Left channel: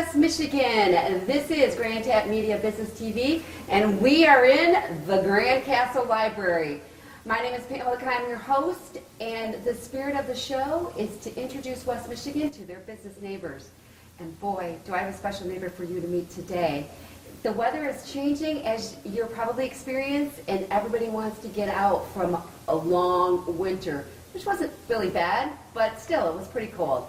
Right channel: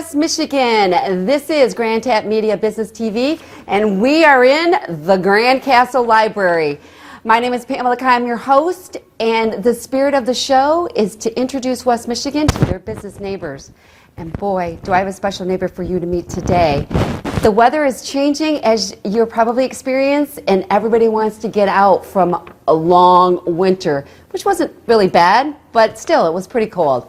West Michigan. This is Grand Tap Media Business TV, and we are in the Grand Castle Library. My name is Pamela Keim, your host, and the spirit of the show is to introduce West Michigan to their business neighbors. And boy, do I have a special neighbor for you to meet today. The weather is changing, as you're probably experienced, and everybody wants to get out from a long winter, which wasn't really bad, but still, it was pretty cold.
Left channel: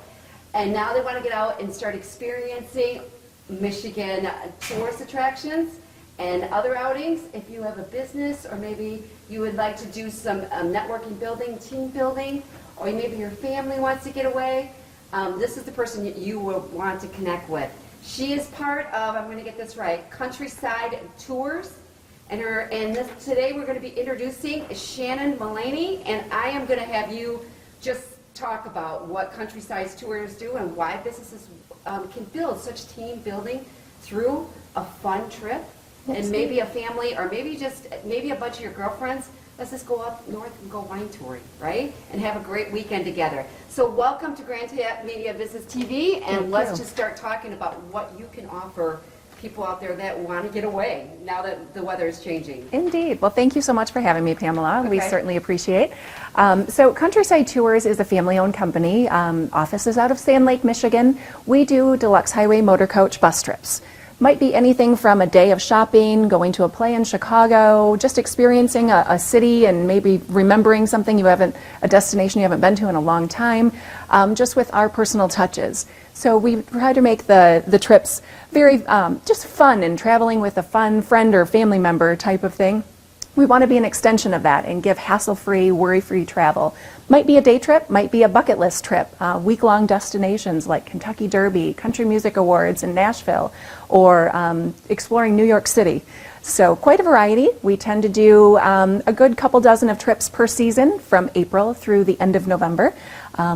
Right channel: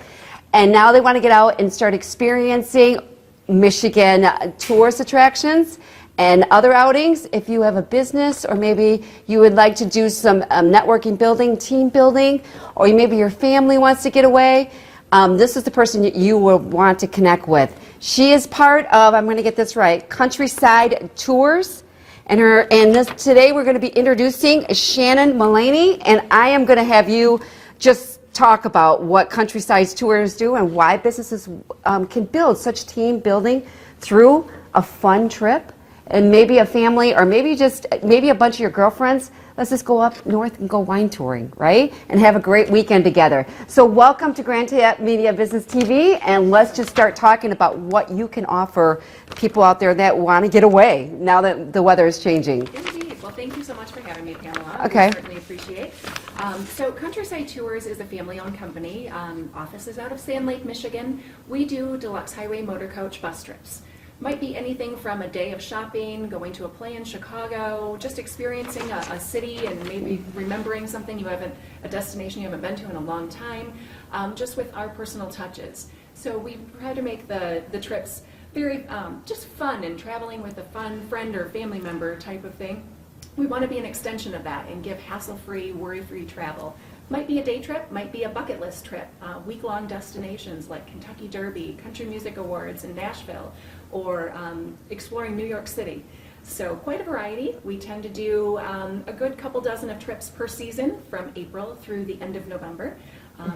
And now they want to get out and start experiencing Michigan tourist attractions and other outings. If you have a business, or maybe you would like to do some networking building, team building, or maybe your family wants to get away, this is the person you will want to connect with. She is part of, I'm going to get this right, Countryside Tours. Today we're going to be introducing Shannon Mullaney, and I am going to have you just talk about what Countryside Tours do and why businesses can build such team building through a fun trip. And maybe a family, or maybe a bunch of your girlfriends, let's just go up north and go wine touring, right? And have a great weekend together. So welcome to Grand Tap Media Business TV, and let's just start talking about what you can offer people out there that want to get away now that the weather is changing. Indeed. Well, thank you so much for having me, Pamela. Okay. We certainly appreciate. So Countryside Tours is a family-owned company. Office is out of Sand Lake, Michigan. We do deluxe highway motor coach bus trips. Might be anything from a day of shopping, going to a play in Chicago, just experiencing a city and maybe remembering something a destination you haven't been to in a long time, just with our personal touches. So we try to make the trips very just fun, and traveling with a fun friend or family member type of thing. We want to be an extension of that and give hassle-free, worry-free travel. Might be a day trip, might be a bucket list trip, week-long destinations like Kentucky Derby, Country Music Awards in Nashville, or exploring New York City. So quite a variety. We tend to do a good couple dozen of trips per season from April through the end of November.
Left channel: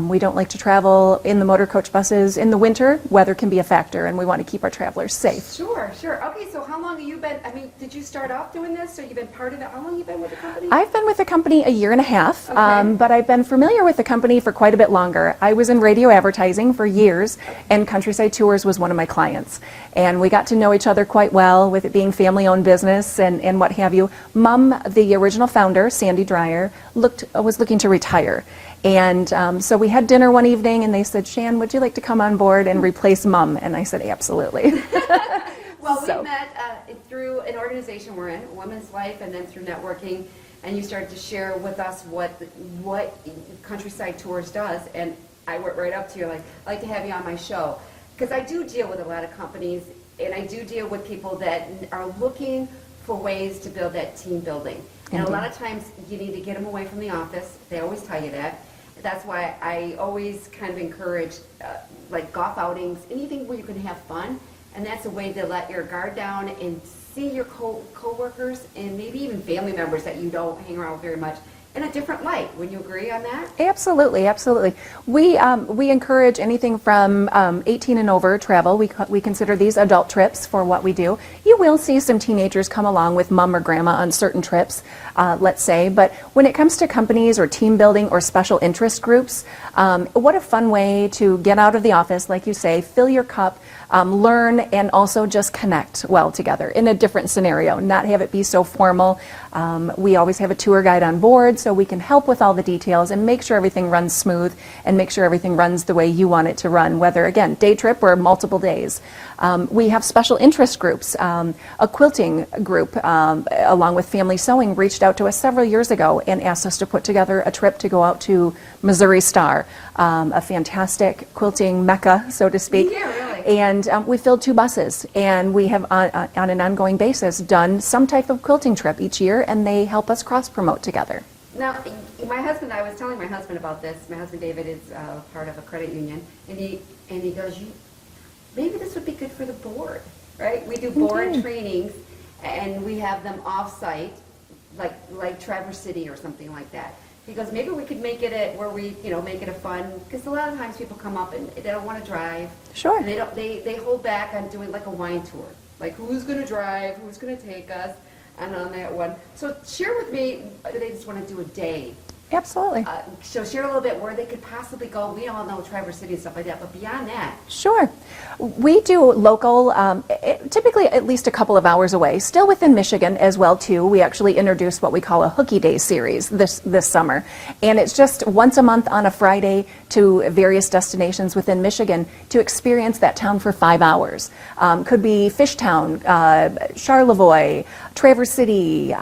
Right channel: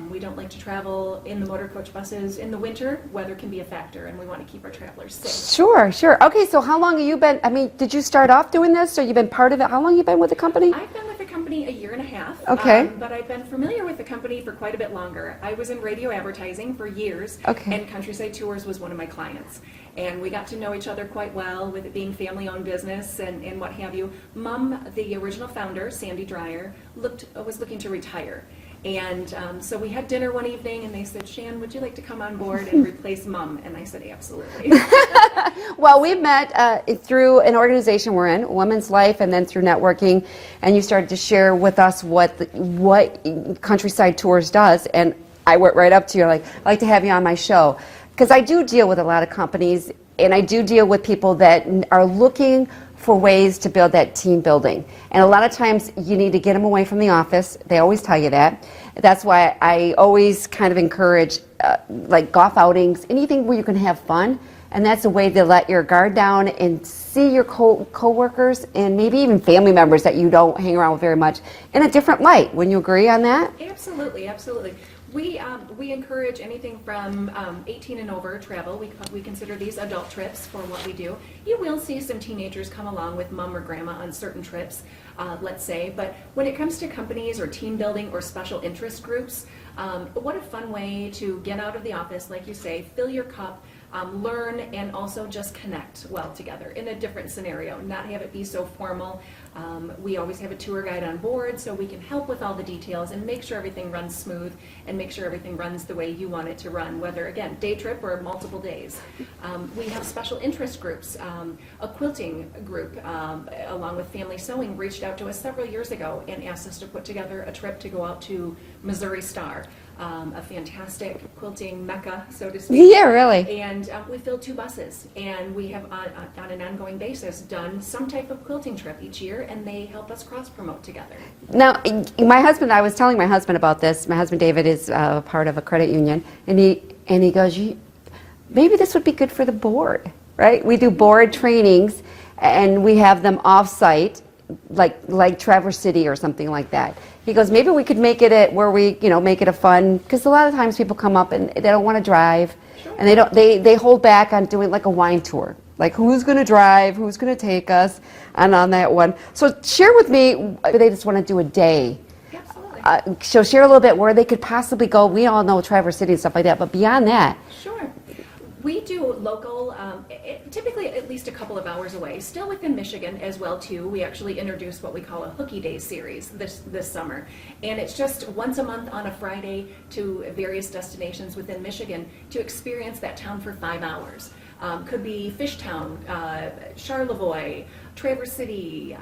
We don't like to travel in the motor coach buses in the winter. Weather can be a factor, and we want to keep our travelers safe. Sure, sure. Okay, so how long have you been, did you start off doing this, or you've been part of it? How long have you been with the company? I've been with the company a year and a half, okay. But I've been familiar with the company for quite a bit longer. I was in radio advertising for years, okay. And Countryside Tours was one of my clients. And we got to know each other quite well, with it being family-owned business and what have you. Mom, the original founder, Sandy Dreyer, was looking to retire. And so we had dinner one evening, and they said, "Shan, would you like to come on board and replace Mom?" And I said, "Absolutely." Well, we met through an organization we're in, Women's Life, and then through networking, and you started to share with us what Countryside Tours does, and I went right up to you, like, "I'd like to have you on my show." Because I do deal with a lot of companies, and I do deal with people that are looking for ways to build that team building. And a lot of times you need to get them away from the office. They always tell you that. That's why I always kind of encourage like golf outings, anything where you can have fun. And that's a way to let your guard down and see your co-workers and maybe even family members that you don't hang around with very much in a different light. Wouldn't you agree on that? Absolutely, absolutely. We encourage anything from 18 and over travel. We consider these adult trips for what we do. You will see some teenagers come along with mom or grandma on certain trips, let's say, but when it comes to companies or team building or special interest groups, what a fun way to get out of the office, like you say, fill your cup, learn, and also just connect well together in a different scenario, not have it be so formal. We always have a tour guide on board, so we can help with all the details and make sure everything runs smooth and make sure everything runs the way you want it to run, whether, again, day trip or multiple days. We have special interest groups. A quilting group, along with Family Sewing, reached out to us several years ago and asked us to put together a trip to go out to Missouri Star, a fantastic quilting mecca, so to speak. Yeah, really. And we filled 2 buses, and we have on an ongoing basis done some type of quilting trip each year, and they help us cross-promote together. Now, I was telling my husband about this. My husband David is part of a credit union, and he goes, maybe this would be good for the board, right? We do board trainings, and we have them off-site, like Traverse City or something like that. He goes, maybe we could make it where we, make it a fun, because a lot of times people come up and they don't want to drive. Sure. And they hold back on doing like a wine tour. Like, who's going to drive, who's going to take us, and on that one. So share with me, they just want to do a day. Absolutely. So share a little bit where they could possibly go. We all know Traverse City and stuff like that, but beyond that. Sure. We do local, typically at least a couple of hours away, still within Michigan as well too. We actually introduced what we call a Hooky Day series this summer, and it's just once a month on a Friday to various destinations within Michigan to experience that town for 5 hours. Could be Fishtown, Charlevoix, Traverse City,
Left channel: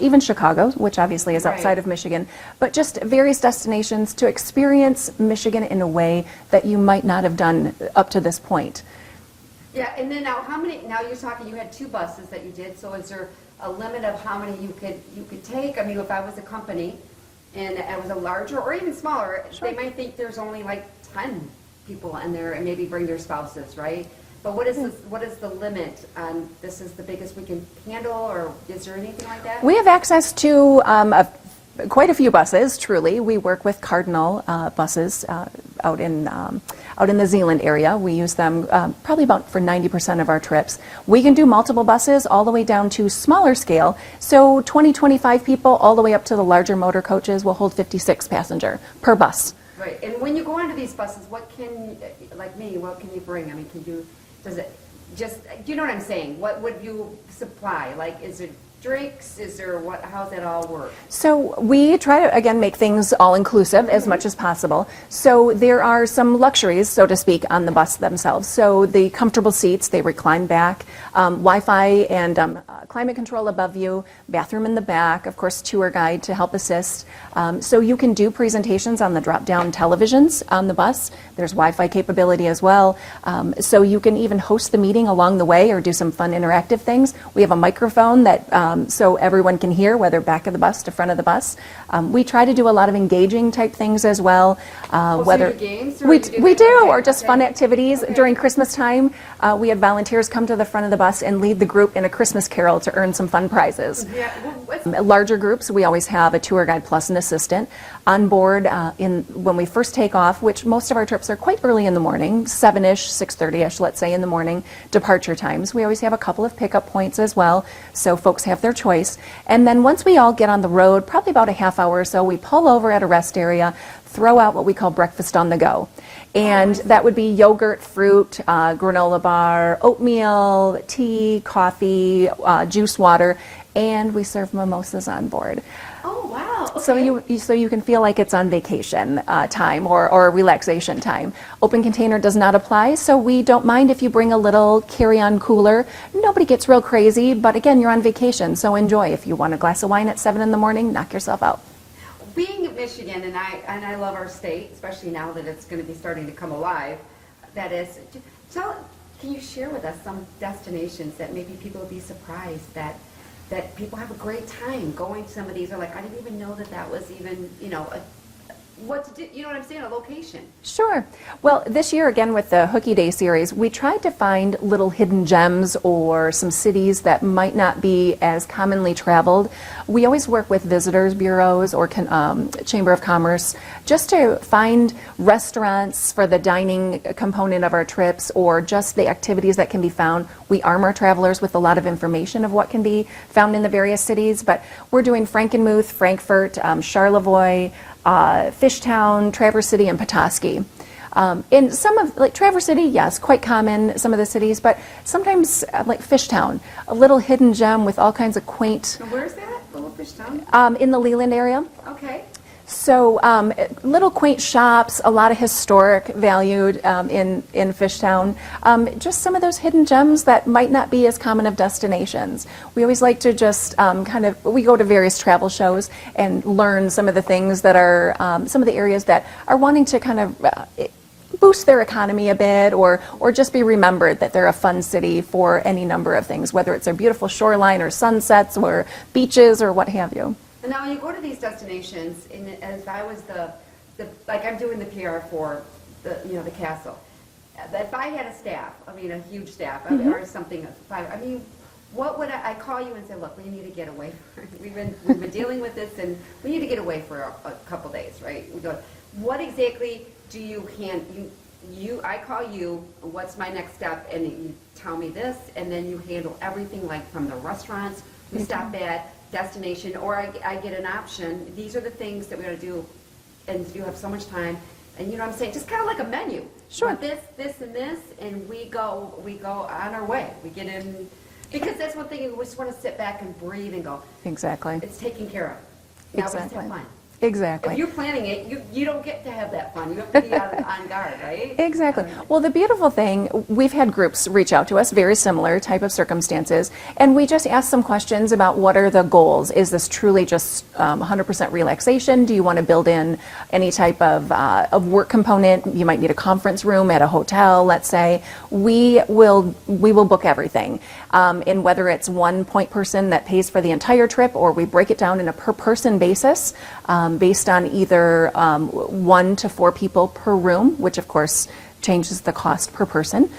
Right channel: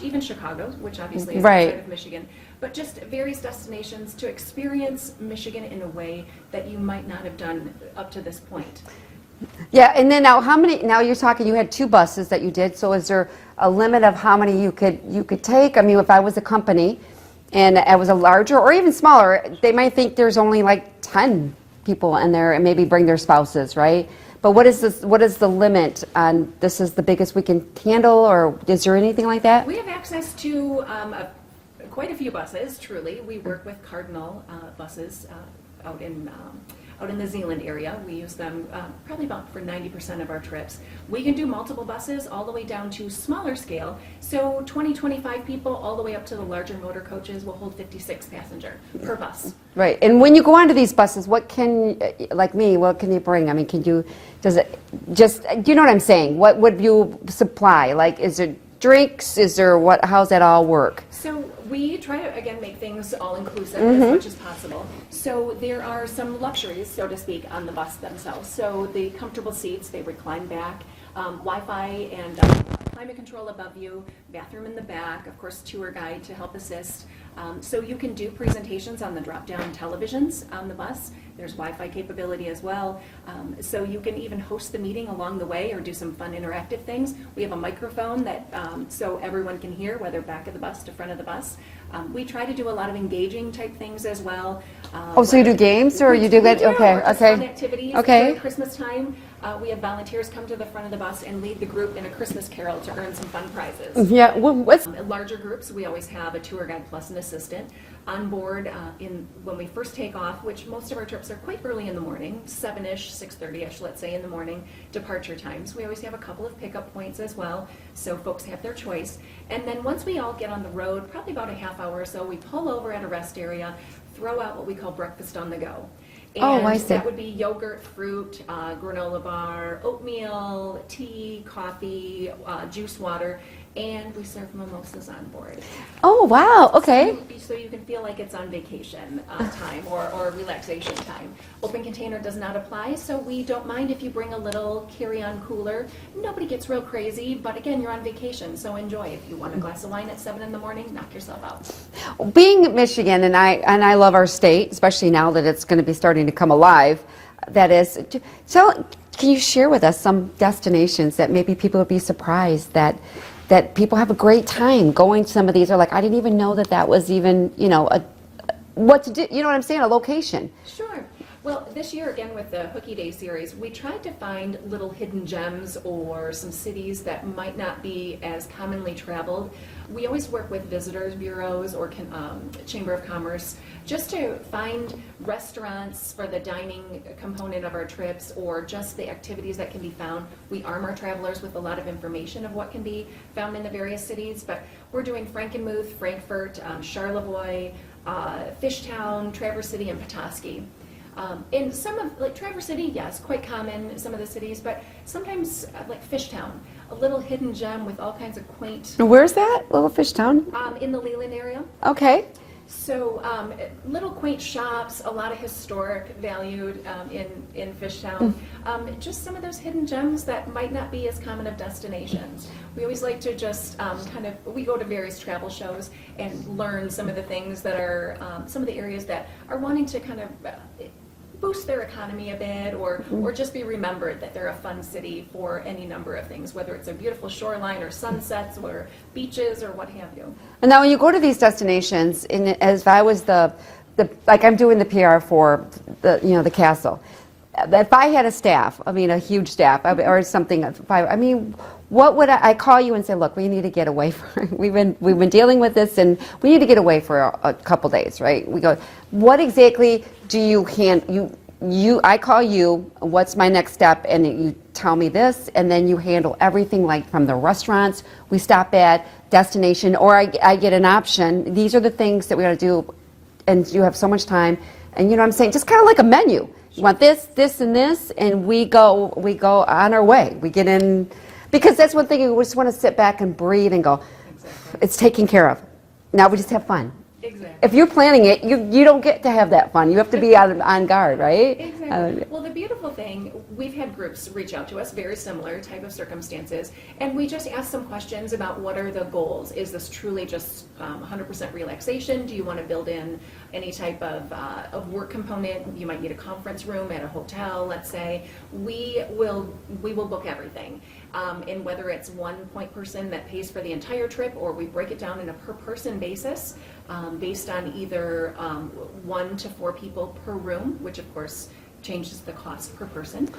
even Chicago, which obviously is outside of Michigan, but just various destinations to experience Michigan in a way that you might not have done up to this point. Yeah, and then now you're talking, you had 2 buses that you did, so is there a limit of how many you could take? I mean, if I was a company and I was a larger or even smaller, they might think there's only like 10 people in there and maybe bring their spouses, right? But what is the limit on this is the biggest we can handle, or is there anything like that? We have access to quite a few buses, truly. We work with Cardinal buses out in the Zeeland area. We use them probably about for 90% of our trips. We can do multiple buses all the way down to smaller scale. So 20, 25 people all the way up to the larger motor coaches will hold 56 passenger per bus. Right. And when you go onto these buses, what can you bring? I mean, do you know what I'm saying? What would you supply? Like, is it drinks? Is there how's that all work? So we try to, again, make things all-inclusive as much as possible. So there are some luxuries, so to speak, on the bus themselves. So the comfortable seats, they recline back, Wi-Fi and climate control above you, bathroom in the back, of course, tour guide to help assist. So you can do presentations on the drop-down televisions on the bus. There's Wi-Fi capability as well. So you can even host the meeting along the way or do some fun interactive things. We have a microphone that so everyone can hear, whether back of the bus to front of the bus. We try to do a lot of engaging type things as well. So you do games, or we you do do, okay, or just fun activities. Okay. During Christmas time, we have volunteers come to the front of the bus and lead the group in a Christmas carol to earn some fun prizes. Yeah. Larger groups, we always have a tour guide plus an assistant on board when we first take off, which most of our trips are quite early in the morning, 7-ish, 6:30-ish, let's say, in the morning, departure times. We always have a couple of pickup points as well, so folks have their choice. And then once we all get on the road, probably about a half hour or so, we pull over at a rest area, throw out what we call breakfast on the go. And that would be yogurt, fruit, granola bar, oatmeal, tea, coffee, juice, water, and we serve mimosas on board. Oh, wow. Okay. So you can feel like it's on vacation time or relaxation time. Open container does not apply, so we don't mind if you bring a little carry-on cooler. Nobody gets real crazy, but again, you're on vacation, so enjoy. If you want a glass of wine at 7 in the morning, knock yourself out. Being in Michigan, and I love our state, especially now that it's going to be starting to come alive. That is, can you share with us some destinations that maybe people would be surprised that people have a great time going to some of these? Or like, I didn't even know that was even, what to do, you know what I'm saying, a location. Sure. Well, this year, again, with the Hooky Day series, we tried to find little hidden gems or some cities that might not be as commonly traveled. We always work with visitors bureaus or Chamber of Commerce just to find restaurants for the dining component of our trips or just the activities that can be found. We arm our travelers with a lot of information of what can be found in the various cities, but we're doing Frankenmuth, Frankfurt, Charlevoix, Fishtown, Traverse City, and Petoskey. In some of, like Traverse City, yes, quite common, some of the cities, but sometimes like Fishtown, a little hidden gem with all kinds of quaint. Where's that, little Fishtown? In the Leland area. Okay. So little quaint shops, a lot of historic valued in Fishtown. Just some of those hidden gems that might not be as common of destinations. We always like to just we go to various travel shows and learn some of the things that are, some of the areas that are wanting to kind of boost their economy a bit or just be remembered that they're a fun city for any number of things, whether it's a beautiful shoreline or sunsets or beaches or what have you. And now when you go to these destinations, as if I was like I'm doing the PR for the castle, if I had a staff, a huge staff, or something, what would I call you and say, look, we need to get away we've been dealing with this and we need to get away for a couple days, right? We go, what exactly do I call you, what's my next step, and you tell me this, and then you handle everything, like from the restaurants we stop at, destination, or I get an option. These are the things that we got to do, and you have so much time, and you know what I'm saying, just kind of like a menu. You want this, this, and this, and we go on our way. We get in, because that's one thing, we just want to sit back and breathe and go, Exactly. it's taken care of. Now we just have fun. Exactly. If you're planning it, you don't get to have that fun. You have to be on guard, right? Exactly. Well, the beautiful thing, we've had groups reach out to us, very similar type of circumstances, and we just ask some questions about what are the goals. Is this truly just 100% relaxation? Do you want to build in any type of work component? You might need a conference room at a hotel, let's say. We will book everything. And whether it's one point person that pays for the entire trip, or we break it down in a per person basis, based on either 1 to 4 people per room, which of course changes the cost per person,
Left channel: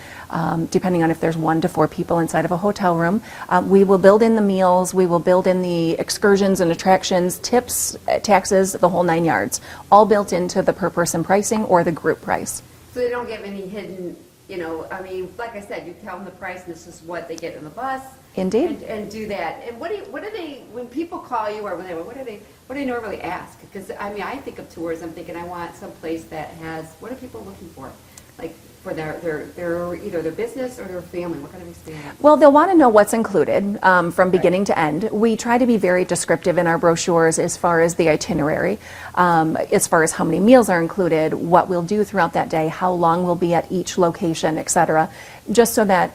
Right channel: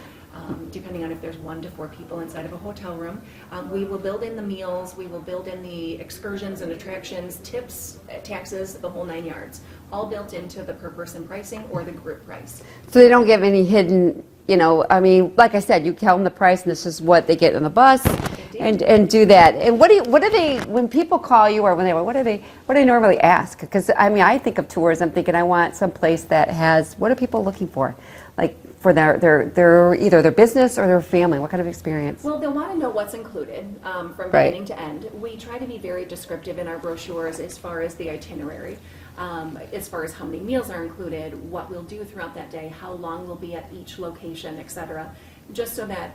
depending on if there's 1 to 4 people inside of a hotel room. We will build in the meals, we will build in the excursions and attractions, tips, taxes, the whole 9 yards, all built into the per person pricing or the group price. So they don't give any hidden, I mean, like I said, you tell them the price and this is what they get on the bus. Indeed. And do that. And what do they, when people call you, or what do they normally ask? Because, I mean, I think of tours, I'm thinking I want some place that has, what are people looking for? Like for their either their business or their family, what kind of experience? Well, they'll want to know what's included from beginning to end. We try to be very descriptive in our brochures as far as the itinerary, as far as how many meals are included, what we'll do throughout that day, how long we'll be at each location, etc. Just so that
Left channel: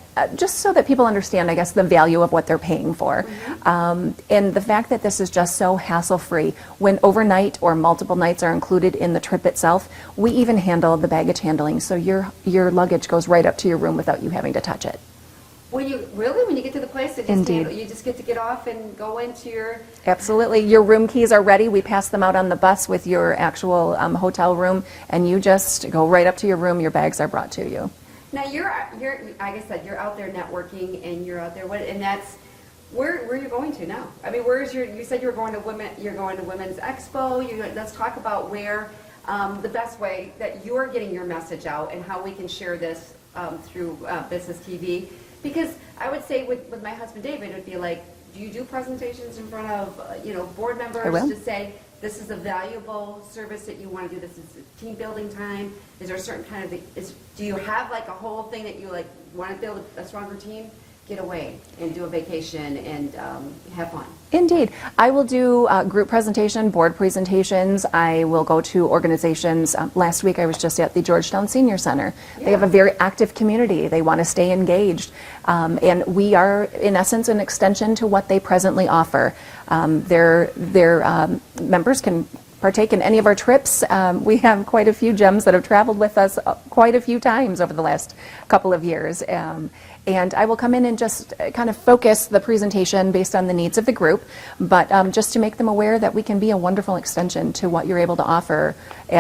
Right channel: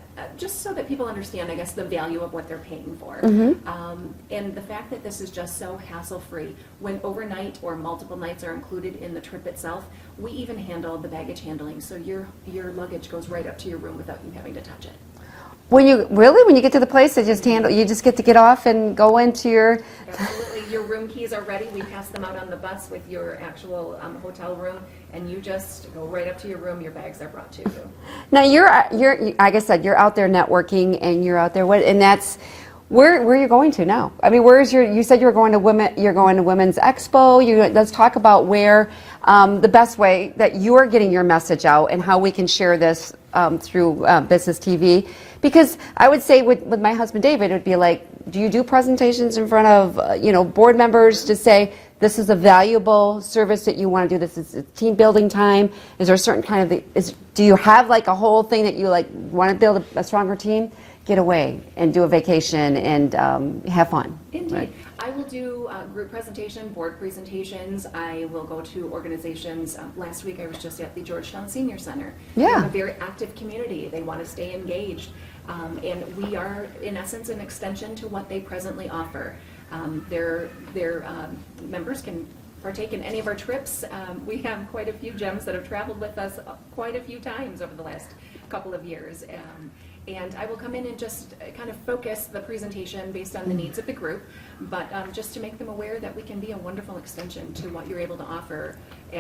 people understand, I guess, the value of what they're paying for. And the fact that this is just so hassle-free. When overnight or multiple nights are included in the trip itself, we even handle the baggage handling, so your luggage goes right up to your room without you having to touch it. When you get to the place, they just you just get to get off and go into your... Absolutely. Your room keys are ready. We pass them out on the bus with your actual hotel room, and you just go right up to your room. Your bags are brought to you. Now you're like I said, you're out there networking, and you're out there. And that's where are you going to now? I mean, you said you're going to Women's Expo. Let's talk about where the best way that you're getting your message out and how we can share this through Business TV. Because I would say with my husband David, it would be like, do you do presentations in front of board members to say this is a valuable service that you want to do? This is team building time. Is there a certain kind of do you have like a whole thing that you like want to build a stronger team? Get away and do a vacation and have fun. Indeed. Right. I will do group presentation, board presentations. I will go to organizations. Last week I was just at the Georgetown Senior Center. Yeah. They have a very active community. They want to stay engaged. And we are, in essence, an extension to what they presently offer. Their members can partake in any of our trips. We have quite a few gems that have traveled with us quite a few times over the last couple of years. And I will come in and just kind of focus the presentation based on the needs of the group, but just to make them aware that we can be a wonderful extension to what you're able to offer,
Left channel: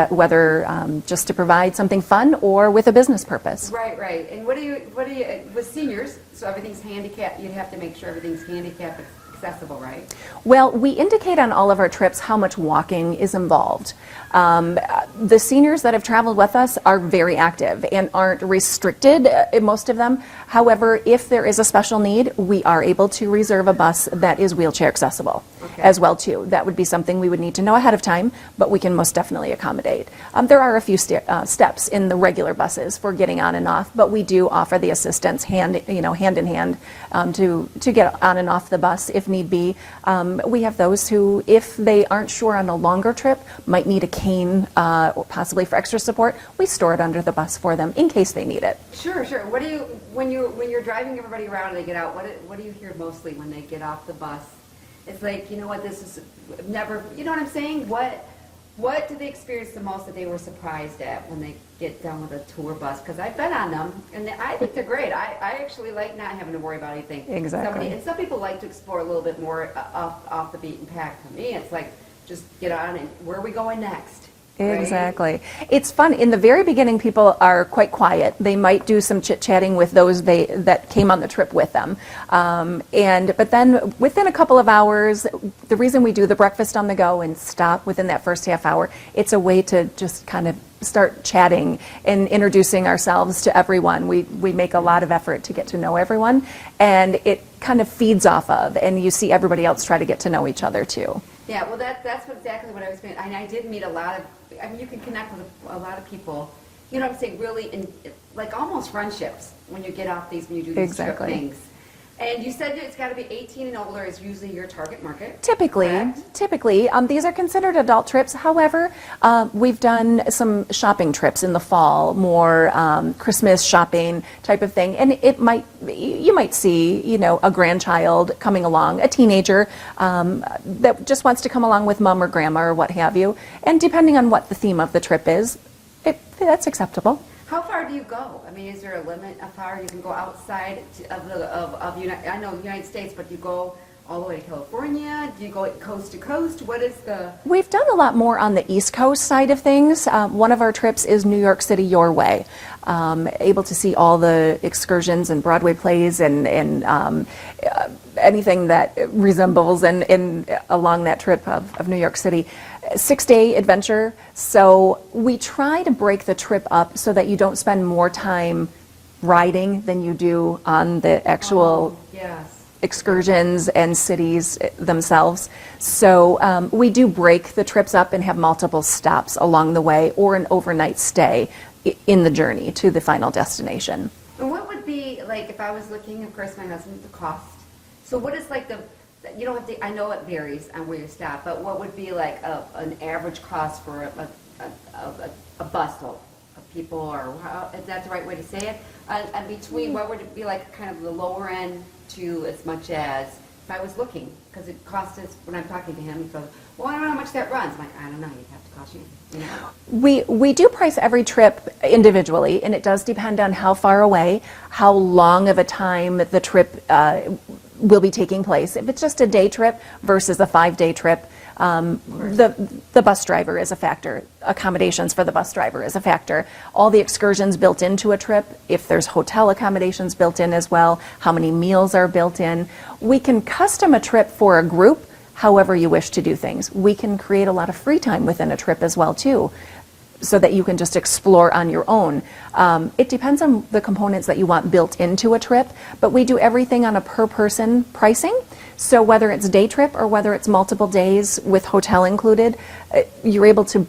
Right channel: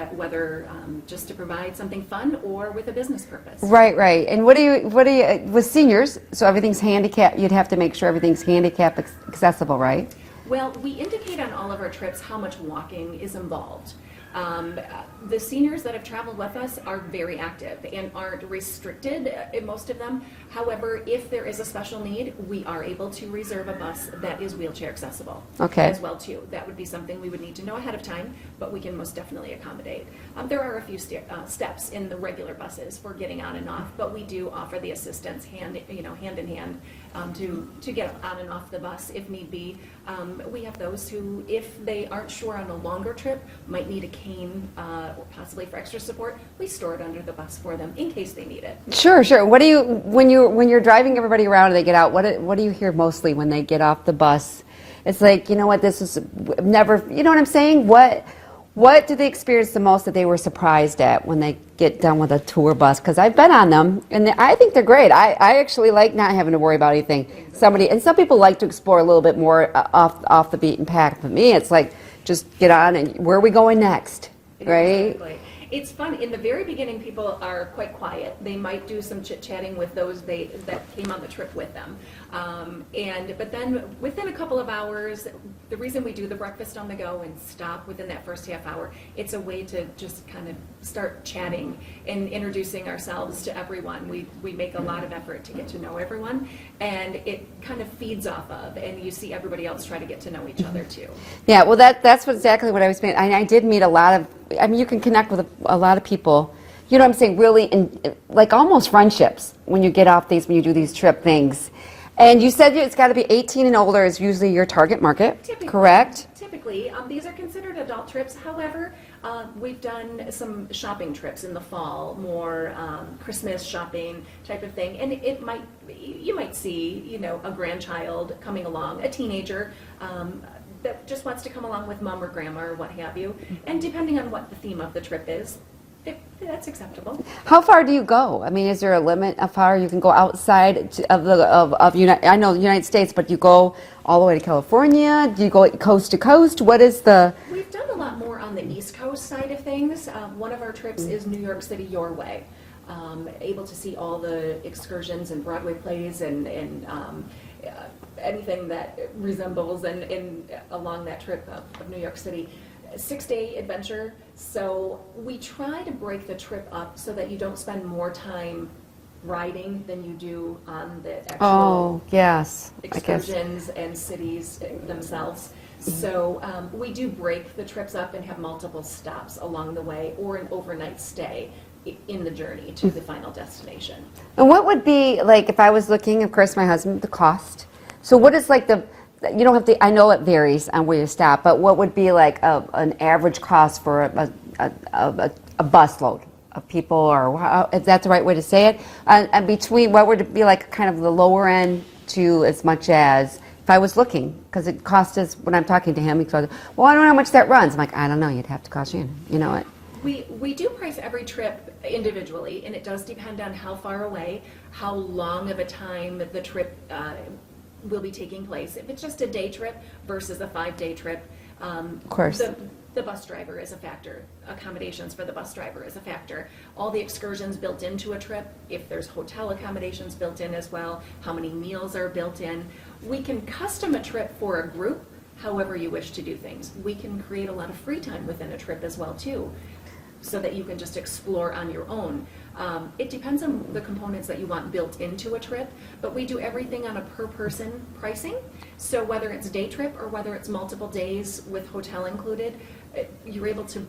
whether just to provide something fun or with a business purpose. Right. And what do you with seniors? So everything's handicap. You'd have to make sure everything's handicap accessible, right? Well, we indicate on all of our trips how much walking is involved. The seniors that have traveled with us are very active and aren't restricted, most of them. However, if there is a special need, we are able to reserve a bus that is wheelchair accessible as well too. That would be something we would need to know ahead of time, but we can most definitely accommodate. There are a few steps in the regular buses for getting on and off, but we do offer the assistance hand in hand to get on and off the bus if need be. We have those who, if they aren't sure on a longer trip, might need a cane or possibly for extra support. We store it under the bus for them in case they need it. Sure. What do you when you're driving everybody around and they get out? What do you hear mostly when they get off the bus? It's like, this is never. You know what I'm saying? What do they experience the most that they were surprised at when they get done with a tour bus? Because I've been on them, and I think they're great. I actually like not having to worry about anything. Exactly. Some people like to explore a little bit more off the beaten path. For me, it's like, just get on and where are we going next? Right? Exactly. It's fun. In the very beginning, people are quite quiet. They might do some chit-chatting with those that came on the trip with them. But then within a couple of hours, the reason we do the breakfast on the go and stop within that first half hour, it's a way to just kind of start chatting and introducing ourselves to everyone. We make a lot of effort to get to know everyone, and it kind of feeds off of, and you see everybody else try to get to know each other too. Yeah, well, that's exactly what I was saying. I did meet a lot of, you can connect with a lot of people you know what I'm saying, really, like almost friendships when you get off these, when you do these trip Exactly. things. And you said it's got to be 18 and older is usually your target market. Typically, correct? Typically, these are considered adult trips. However, we've done some shopping trips in the fall, more Christmas shopping type of thing, and you might see, you know, a grandchild coming along, a teenager that just wants to come along with mom or grandma or what have you. And depending on what the theme of the trip is, that's acceptable. How far do you go? I mean, is there a limit of how far you can go outside of I know the United States, but you go all the way to California? Do you go coast to coast? What is the... We've done a lot more on the East Coast side of things. One of our trips is New York City your way. Able to see all the excursions and Broadway plays and anything that resembles along that trip of New York City. 6-day adventure. So we try to break the trip up so that you don't spend more time riding than you do on the actual yes. excursions and cities themselves. So we do break the trips up and have multiple stops along the way or an overnight stay in the journey to the final destination. And what would be, like, if I was looking, of course, my husband, the cost. So what is, like, you don't have to, I know it varies on where you stop, but what would be, like, an average cost for a busload of people, or if that's the right way to say it? And between, what would it be, like, kind of the lower end to as much as, if I was looking, because it cost us, when I'm talking to him, he goes, well, I don't know how much that runs. I'm like, I don't know, you'd have to cost you know it. We do price every trip individually, and it does depend on how far away, how long of a time the trip will be taking place. If it's just a day trip versus a 5-day trip, of course, the bus driver is a factor. Accommodations for the bus driver is a factor. All the excursions built into a trip, if there's hotel accommodations built in as well, how many meals are built in. We can custom a trip for a group however you wish to do things. We can create a lot of free time within a trip as well too, so that you can just explore on your own. It depends on the components that you want built into a trip, but we do everything on a per person pricing. So whether it's day trip or whether it's multiple days with hotel included, you're able to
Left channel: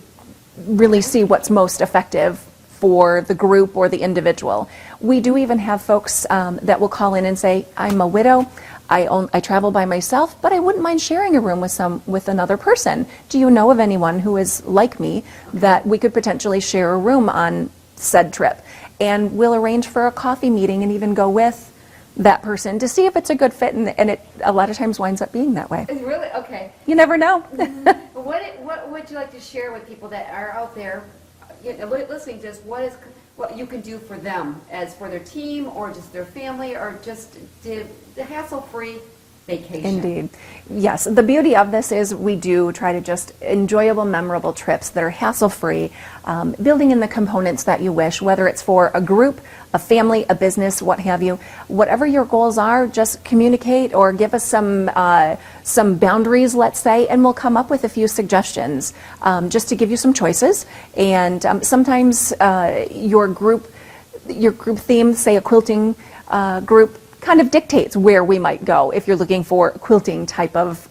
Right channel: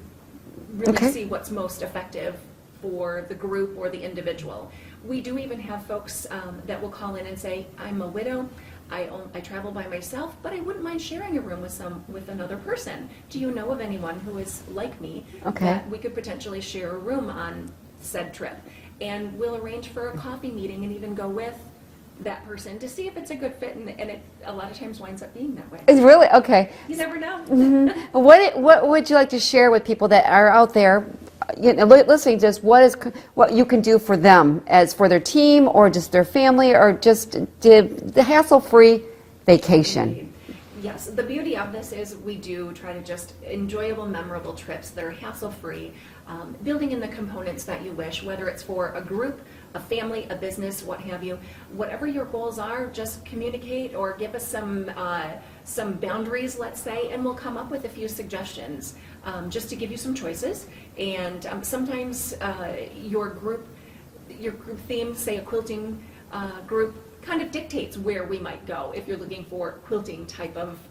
really see what's most effective for the group or the individual. We do even have folks that will call in and say, I'm a widow, I travel by myself, but I wouldn't mind sharing a room with another person. Do you know of anyone who is like me that we could potentially share a room on said trip? And we'll arrange for a coffee meeting and even go with that person to see if it's a good fit, and it a lot of times winds up being that way. It's really, okay. You never know. What would you like to share with people that are out there, you know, listening to this? What you can do for them, as for their team or just their family, or just the hassle-free vacation? Indeed. Yes, the beauty of this is we do try to just enjoyable, memorable trips that are hassle-free, building in the components that you wish, whether it's for a group, a family, a business, what have you. Whatever your goals are, just communicate or give us some boundaries, let's say, and we'll come up with a few suggestions just to give you some choices. And sometimes your group theme, say a quilting group, kind of dictates where we might go if you're looking for a quilting type of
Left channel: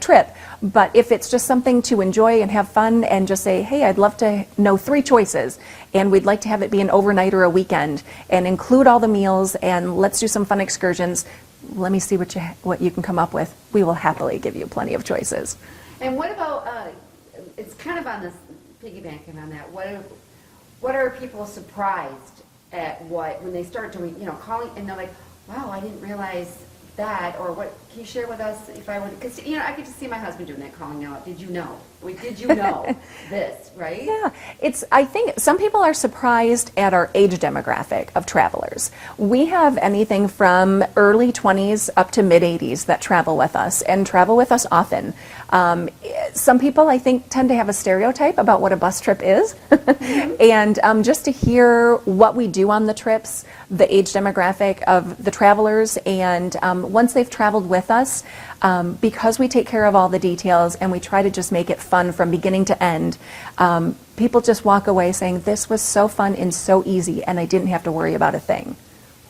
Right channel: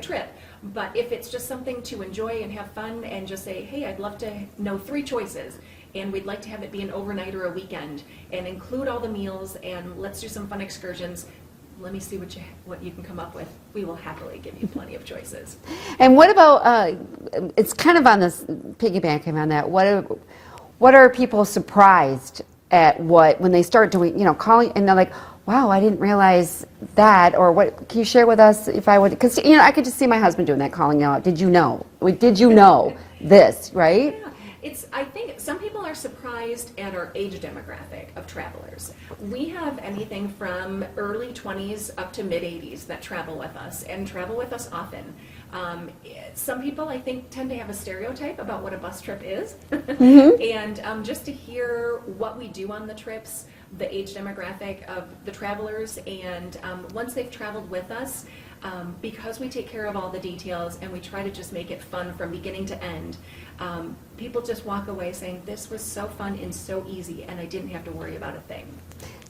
trip. But if it's just something to enjoy and have fun and just say, hey, I'd love to know 3 choices and we'd like to have it be an overnight or a weekend and include all the meals and let's do some fun excursions, let me see what you can come up with. We will happily give you plenty of choices. And what about, it's kind of on this, piggybacking on that, what are people surprised at when they start doing, calling, and they're like, wow, I didn't realize that, or what, can you share with us if I would, because, I could just see my husband doing that, calling out, did you know this, right? Yeah, I think some people are surprised at our age demographic of travelers. We have anything from early 20s up to mid 80s that travel with us and travel with us often. Some people, I think, tend to have a stereotype about what a bus trip is. And just to hear what we do on the trips, the age demographic of the travelers, and once they've traveled with us, because we take care of all the details and we try to just make it fun from beginning to end, people just walk away saying, this was so fun and so easy, and I didn't have to worry about a thing.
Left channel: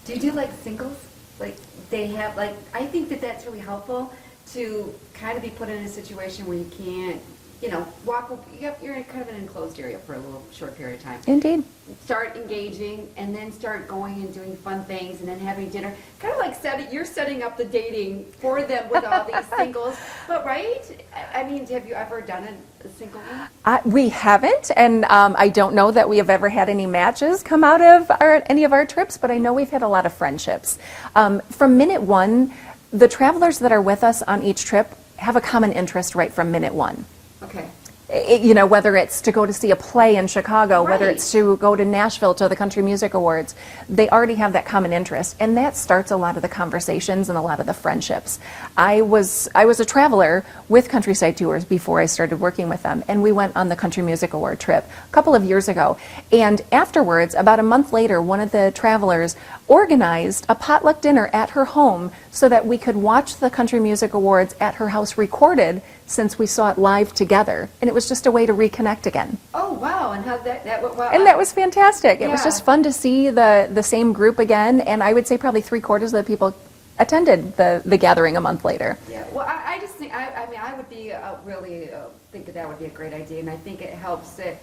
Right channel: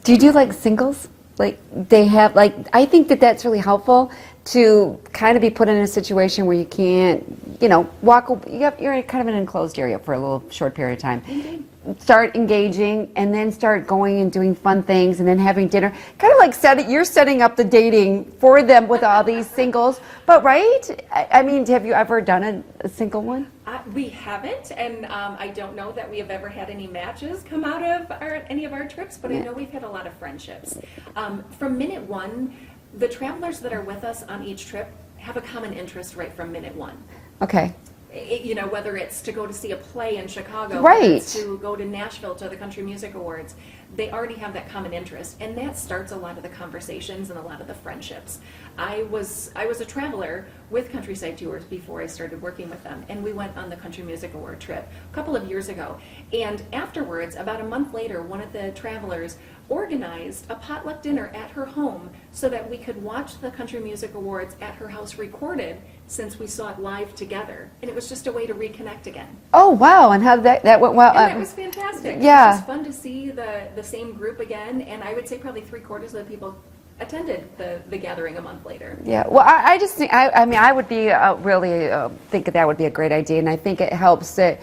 Do you do like singles? Like they have, like, I think that's really helpful to kind of be put in a situation where you can't, you're in kind of an enclosed area for a little short period of time. Indeed. Start engaging and then start going and doing fun things and then having dinner. Kind of like you're setting up the dating for them with all these singles. But right? I mean, have you ever done a single one? We haven't, and I don't know that we have ever had any matches come out of any of our trips, but I know we've had a lot of friendships. From minute one, the travelers that are with us on each trip have a common interest right from minute one. Okay. Whether it's to go to see a play in Chicago, Right. whether it's to go to Nashville to the Country Music Awards, they already have that common interest, and that starts a lot of the conversations and a lot of the friendships. I was a traveler with Countryside Tours before I started working with them, and we went on the Country Music Award trip a couple of years ago. And afterwards, about a month later, one of the travelers organized a potluck dinner at her home so that we could watch the Country Music Awards at her house recorded, since we saw it live together, and it was just a way to reconnect again. Oh wow! And how that went well? And that was fantastic. It was Yeah. just fun to see the same group again, and I would say probably 3/4 of the people attended the gathering a month later. Yeah. Well, I just think I would be really think that would be a great idea, and I think it helps that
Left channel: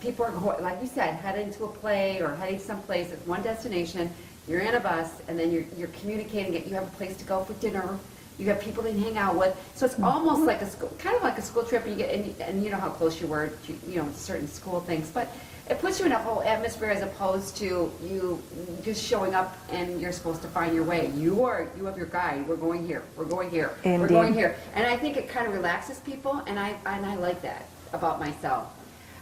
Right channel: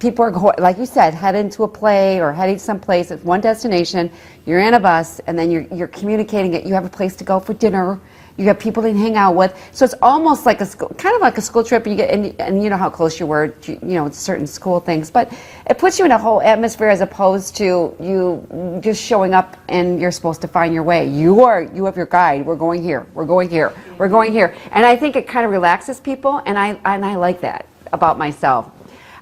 people are going, like you said, heading to a play or heading someplace. It's one destination. You're in a bus, and then you're communicating it. You have a place to go for dinner. You got people to hang out with, so it's almost like kind of like a school trip. You get, and you know how close you were, to certain school things. But it puts you in a whole atmosphere as opposed to you just showing up and you're supposed to find your way. You have your guide. We're going here. We're going here. Indeed. We're going here. And I think it kind of relaxes people, and I like that about myself.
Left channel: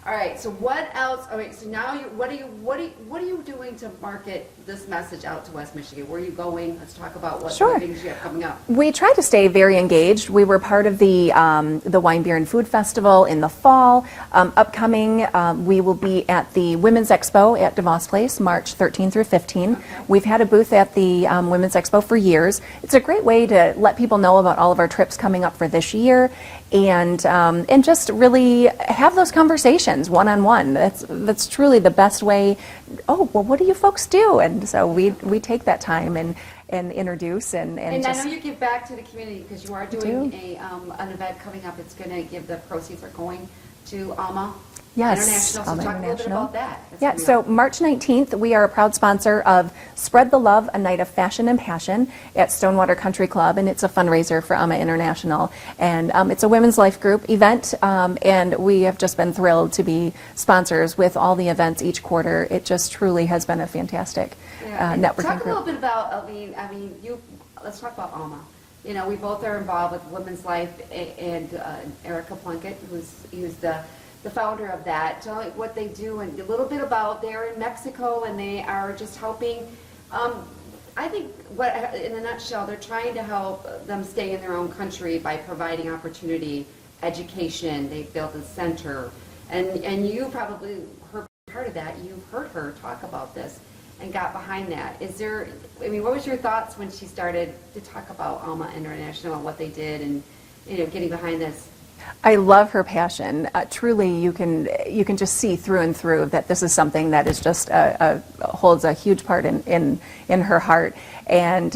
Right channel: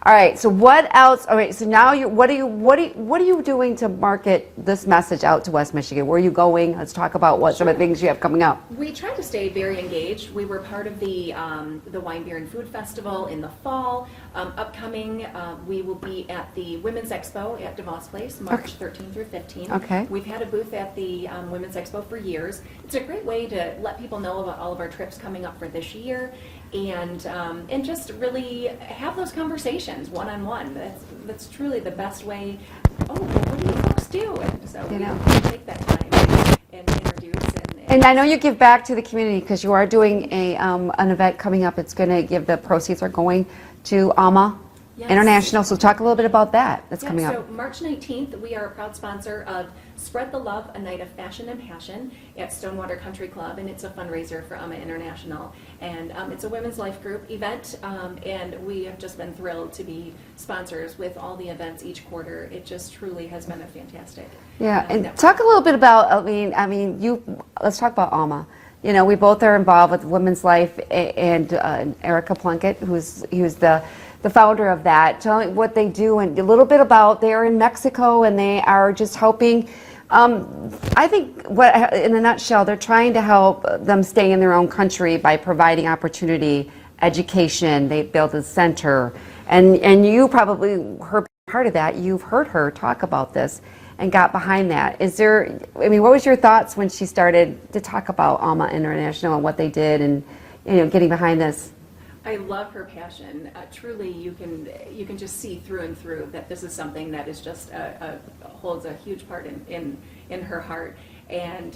All right. So what else? All right. So now what are you doing to market this message out to West Michigan? Where are you going? Let's talk about what some of the things you have coming up. We try to stay very engaged. We were part of the Wine, Beer, and Food Festival in the fall. Upcoming, we will be at the Women's Expo at DeVos Place, March 13 through 15. Okay. We've had a booth at the Women's Expo for years. It's a great way to let people know about all of our trips coming up for this year, and just really have those conversations one-on-one. That's truly the best way. Oh, well, what do you folks do? And so we take that time and introduce And I know you give back to the community because you are doing an event coming up. It's going to give the proceeds are going to AMA International. So talk a little bit about that. That's coming so up. March 19th, we are a proud sponsor of Spread the Love, a night of fashion and passion at Stonewater Country Club, and it's a fundraiser for AMA International. And it's a women's life group event, and we have just been thrilled to be sponsors with all the events each quarter. It just truly has been a fantastic And networking talk a little group. bit about. Let's talk about AMA. We both are involved with Women's Life, and Erica Plunkett, who's the founder of that. Tell me what they do and a little bit about. They're in Mexico and they are just helping. I think, in a nutshell, they're trying to help them stay in their own country by providing opportunity, education. They built a center, and you probably heard part of that. You've heard her talk about this and got behind that. What was your thoughts when she started to talk about AMA International and what they did and getting behind this? I love her passion. Truly, you can just see through and through that this is something that is just holds a huge part in her heart, and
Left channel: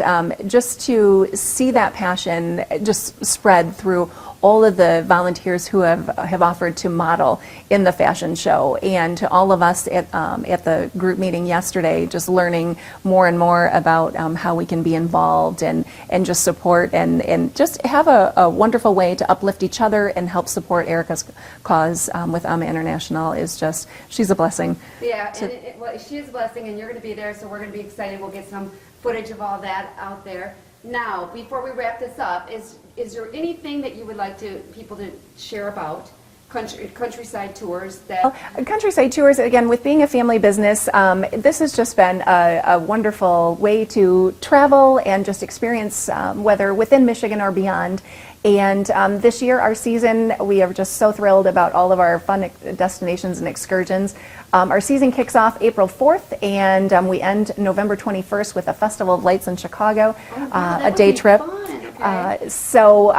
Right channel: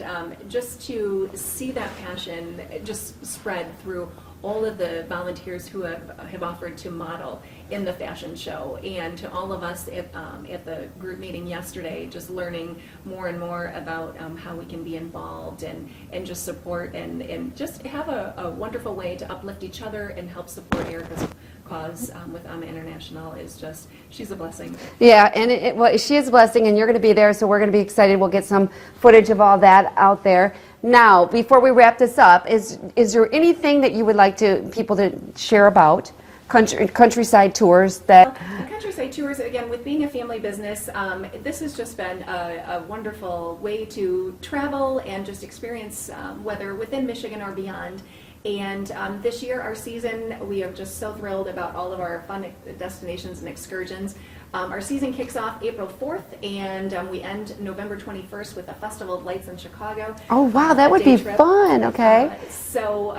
just to see that passion just spread through all of the volunteers who have offered to model in the fashion show, and to all of us at the group meeting yesterday, just learning more and more about how we can be involved and just support and just have a wonderful way to uplift each other and help support Erica's cause with AMA International is just, she's a blessing. Yeah, and well, she is a blessing, and you're going to be there, so we're going to be excited. We'll get some footage of all that out there. Now, before we wrap this up, is there anything that you would like people to share about Countryside Tours? Countryside Tours, again, with being a family business, this has just been a wonderful way to travel and just experience, whether within Michigan or beyond. And this year, our season, we are just so thrilled about all of our fun destinations and excursions. Our season kicks off April 4th, and we end November 21st with a Festival of Lights in Chicago. Oh, wow, that would be fun. Okay. So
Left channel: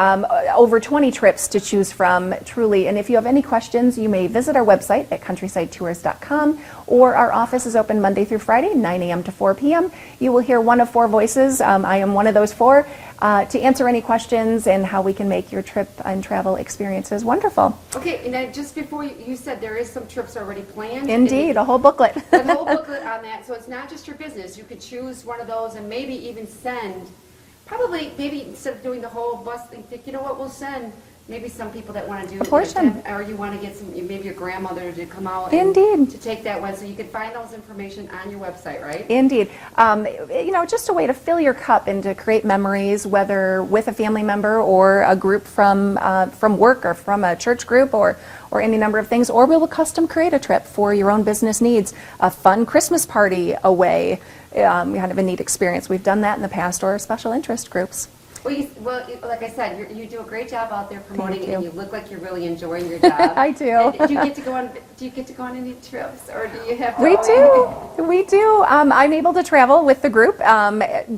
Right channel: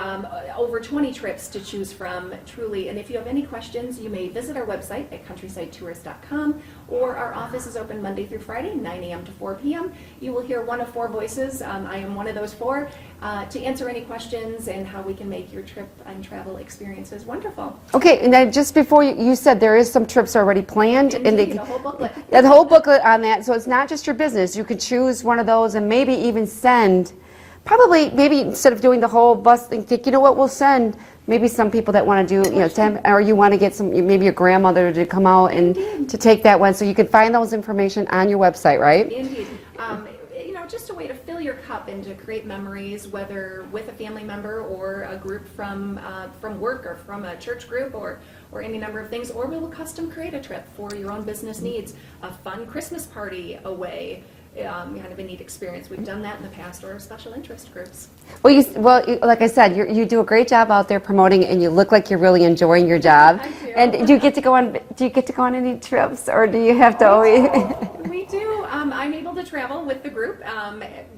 over 20 trips to choose from, truly. And if you have any questions, you may visit our website at countrysidetours.com, or our office is open Monday through Friday, 9 a.m. to 4 p.m. You will hear one of four voices. I am one of those four. to answer any questions and how we can make your trip and travel experiences wonderful. Okay, and then just before you said there is some trips already planned. Indeed, a whole booklet. The whole booklet on that, so it's not just your business. You could choose one of those and maybe even send, maybe instead of doing the whole bus thing, think, you know what, we'll send maybe some people that want to do, or you want to get some, maybe your grandmother to come out and to take that one. So you can find those information on your website, right? Indeed. You know, just a way to fill your cup and to create memories, whether with a family member or a group from work or from a church group or any number of things, or we will custom create a trip for your own business needs. A fun Christmas party away, kind of a neat experience. We've done that in the past, or special interest groups. Well, like I said, you do a great job out there promoting it, and you look like you're really enjoying your job. I do. And do you get to go on any trips, or do you have to? We do. I'm able to travel with the group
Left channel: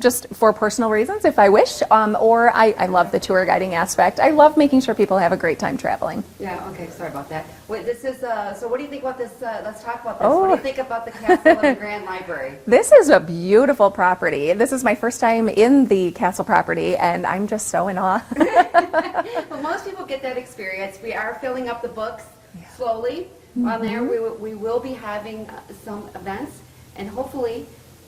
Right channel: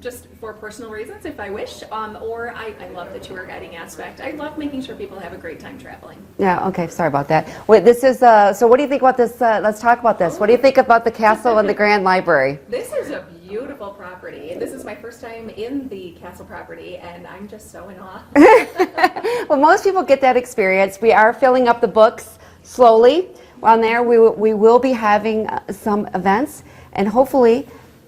just for personal reasons, if I wish. Or I love the tour guiding aspect. I love making sure people have a great time traveling. Yeah. Okay. Sorry about that. Wait. This is. So, what do you think about this? Let's talk about this. What do you think about the castle and the Grand Library? This is a beautiful property. This is my first time in the castle property, and I'm just so in awe. Well, most people get that experience. We are filling up the books slowly. On there, we will be having some events, and hopefully,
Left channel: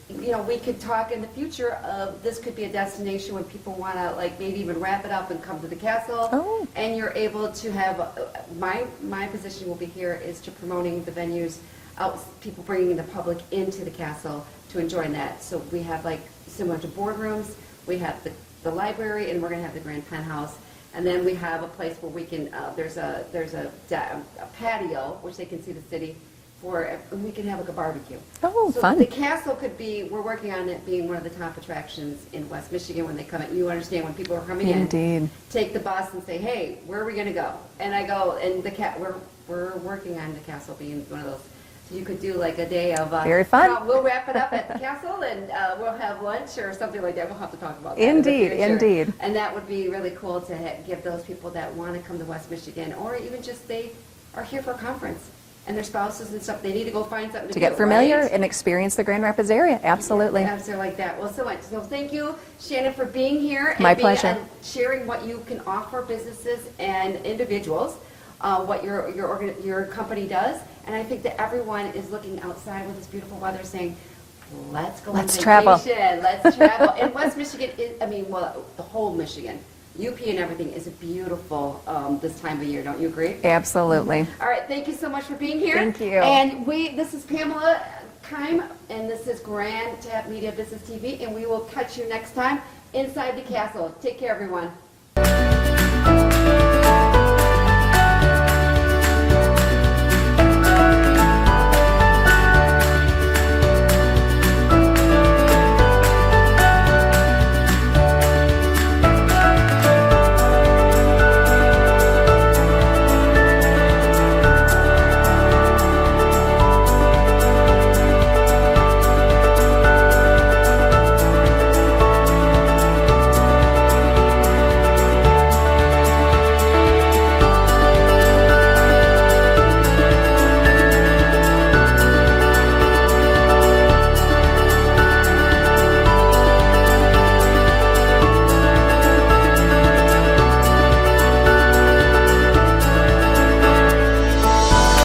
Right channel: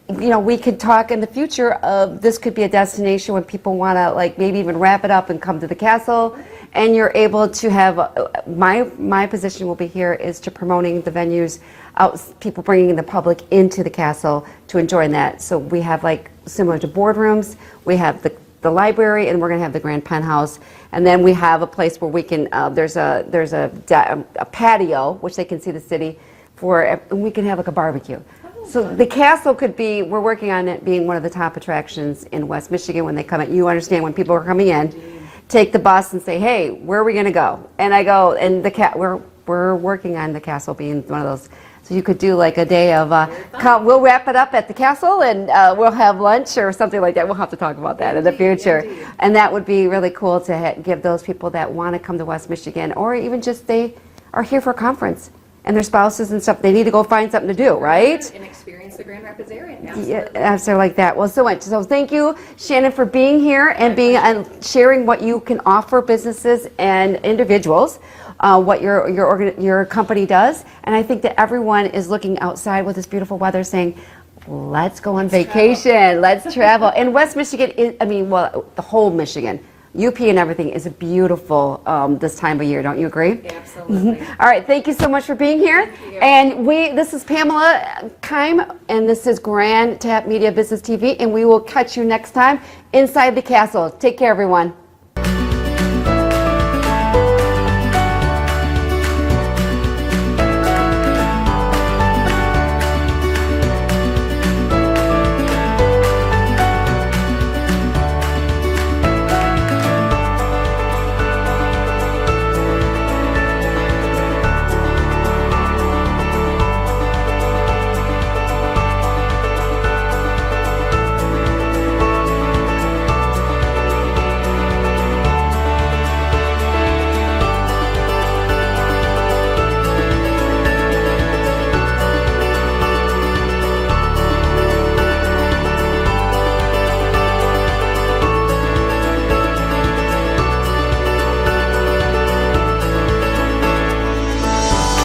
you know, we could talk in the future of this could be a destination when people want to, like, maybe even wrap it up and come to the castle. And you're able to have my position will be here is to promoting the venues out, people bringing the public into the castle to enjoy that. So we have, like, similar to boardrooms, we have the library, and we're going to have the grand penthouse, and then we have a place where we can there's a patio which they can see the city for, and we can have like a barbecue. So fun. The castle could be, we're working on it being one of the top attractions in West Michigan when they come in. You understand, when people are coming in, Indeed. take the bus and say, hey, where are we going to go? And I go, and we're working on the castle being one of those. So you could do like a day of, very fun. We'll wrap it up at the castle, and we'll have lunch or something like that. We'll have to talk about that in the future. Indeed. And that would be really cool to give those people that want to come to West Michigan, or even just they are here for a conference and their spouses and stuff, they need to go find something to do, right? And experience the Grand Rapids area. Absolutely. Yeah, absolutely, like that. Well, so much. So thank you, Shannon, for being here and sharing what you can offer businesses and individuals. What your company does, and I think that everyone is looking outside with this beautiful weather, saying, "Let's go on vacation, let's travel." And West Michigan is, the whole Michigan, UP and everything is beautiful this time of year. Don't you agree? Absolutely. All right, thank you so much for being here. Thank you. And this is Pamela Keim, and this is Grand Tap Media Business TV, and we will catch you next time inside the castle. Take care, everyone.